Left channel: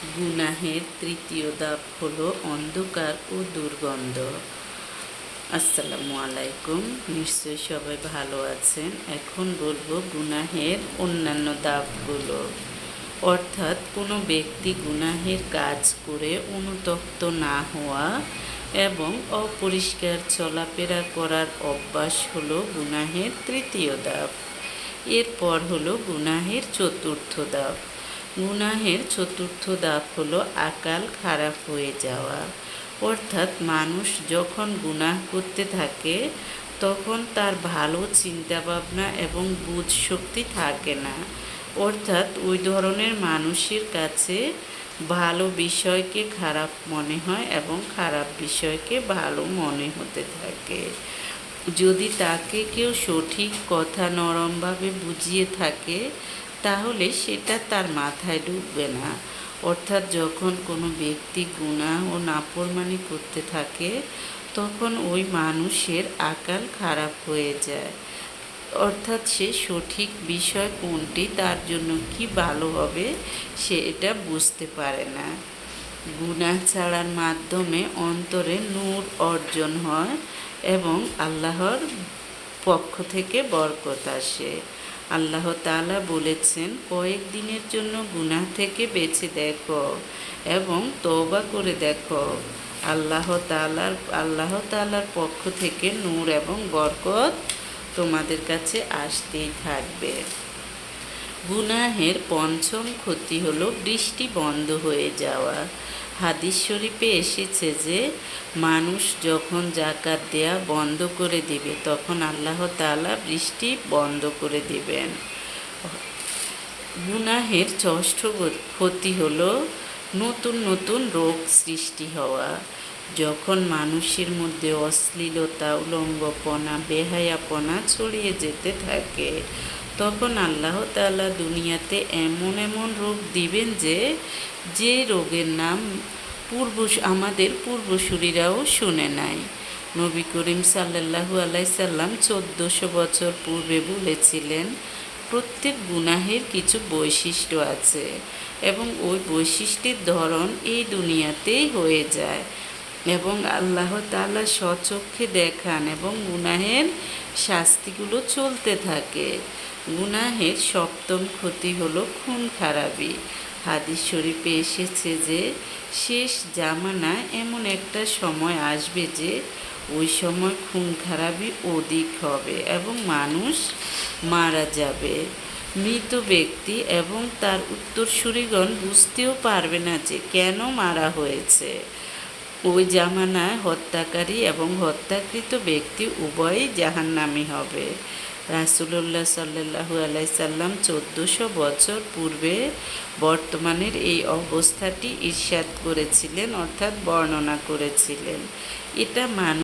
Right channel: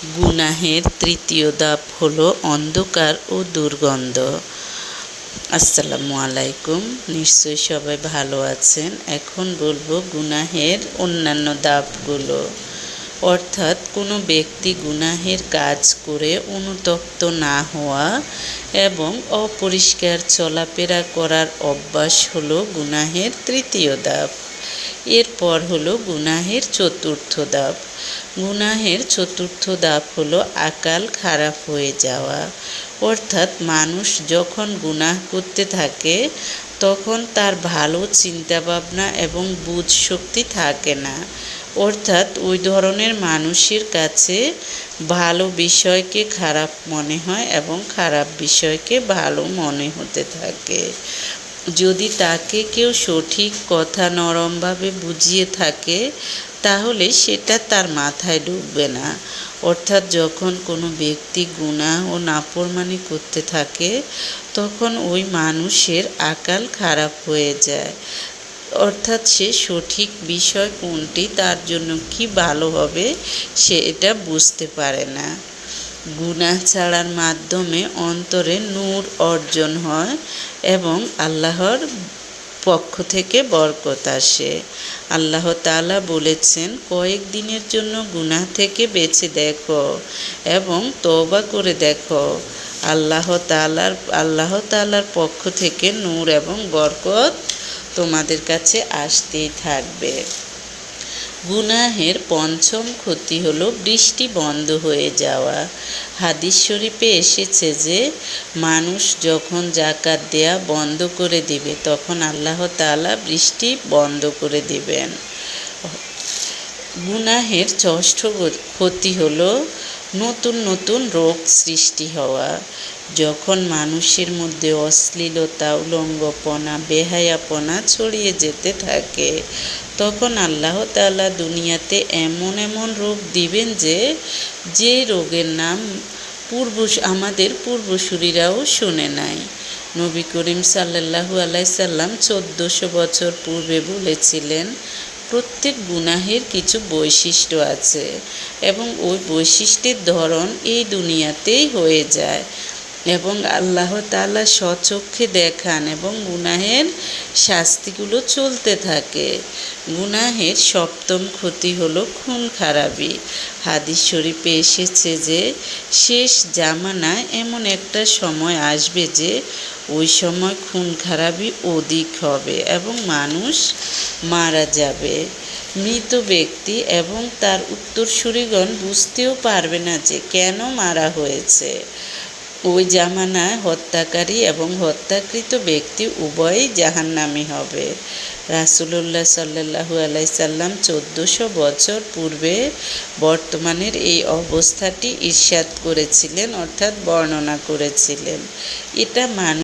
গুনাহের তৃতীয় ধাপ হলো অন্ধকার ও দুর্গন্ধ। আসসালামু আলাইকুম। নিশ্চয়ই সবাই ভালো আছেন। এখন বলব গুনাহের অন্যান্য দাপগুলো অর্থাৎ কোনো ব্যক্তি গুনাহের কাজ করে অনুতপ্ত না হওয়া এবং অপরিষ্কার চলাফেরা করার অভ্যাস হলো গুনাহের তৃতীয় দাপ এরপর হলো গুনাহের চতুর্থ ধাপ। গুনাহের চতুর্থ ধাপ হলো আকাল খারাপ হয়ে যাওয়া। অর্থাৎ মানুষ যখন গুনাহ করতে থাকে, তখন তার ভালো চিন্তাভাবনা এবং বুঝ শক্তি থাকে না। অর্থাৎ ওই ধরনের মানুষের কাছে ভালো বিষয়কে খারাপ মনে হয় এবং খারাপ বিষয়কে ভালো মনে হতে থাকে। যদি তাকে কেউ সঠিক কথা নরমভাবে বুঝিয়ে থাকে তাহলে সেটা তার মাথায় ঢুকবে না। অর্থাৎ যখন কোনো ব্যক্তি গুনাহ ও নাফরমানি করতে থাকে, তখন ওই মানুষের আকাল খারাপ হয়ে যায়। অর্থাৎ সে সঠিক বিষয় কোনটি, তার জন্য কি ভালো হবে, সে এটা বুঝতে পারে না। গুনাহ ছাড়ার মাধ্যমে অন্তরে নূর অর্জন হয় এবং আল্লাহর পক্ষ থেকে বরকত আসে। আল্লাহ তালা বলেছেন কয়েকদিনের জন্য গুনাহ থেকে বেঁচে দেখো এবং তওবা করে দেখো। আল্লাহ তালার আল্লাহ তালার পক্ষ থেকে নূর এবং বরকত তোমাদের কাছে আসতেই থাকবে। গুনাহের পঞ্চম ক্ষতি হলো বৃষ্টি বন্ধ হয়ে যাওয়া। হাদিস শরীফে এসেছে যে, মানুষ যখন জাকাত দেয়া বন্ধ করে দিবে, তখন আল্লাহ তালা বৃষ্টি বন্ধ করে দিবেন। গুনাহের ষষ্ঠ ক্ষতি হলো নতুন নতুন রোগ সৃষ্টি হওয়া। যখন মানুষের মধ্যে অশ্লীলতা, উলঙ্গপনা, বেহায়াপনা ছড়িয়ে যেতে থাকে তখন আল্লাহ তাআলা দুনিয়াতে এমন এমন রোগ দিবেন যে যে রোগের নাম পূর্ব আমাদের পূর্বসূরীরাও শুনে নাই। নবী করিম সাল্লাহু আলাইসাল্লাম চোদ্দোশো বছর পূর্বে বলেছিলেন, প্রত্যেক গুনাহের কিছু বৈশিষ্ট্য আছে এবং ওই বৈশিষ্ট্যের ধরন এই দুনিয়াতেই হয়ে যায়। এবং আল্লাহ তালা স্বচক্ষে দেখান এবং গুনাহের শাস্তিগুলো চলতে থাকে। গুনাহের সপ্তম ক্ষতি হলো খুন খারাপি। হাদিস শরীফে এসেছে যে, শেষ জামানায় এমন একটা সময় আসবে যে, ওই সময় খুন খারাপি অধিক হবে এবং মানুষ মারা যাবে। মৃত ব্যক্তি এবং তার উত্তরসূরিগণ বুঝতেও পারবে না যে কেন মারা হয়েছে। ওই জামানায় হত্যাকারী এবং হত্যাকৃত ব্যক্তি উভয়ই জাহান্নামী হবে। রাসুলুল্লাহ সাল্লাহু আলাইসাল্লাম চোদ্দোশো বছর পূর্বে বর্তমানের এই অবস্থাটি ঈর্ষাদ করেছিলেন, অর্থাৎ বর্ণনা করেছিলেন। এটা মানুষ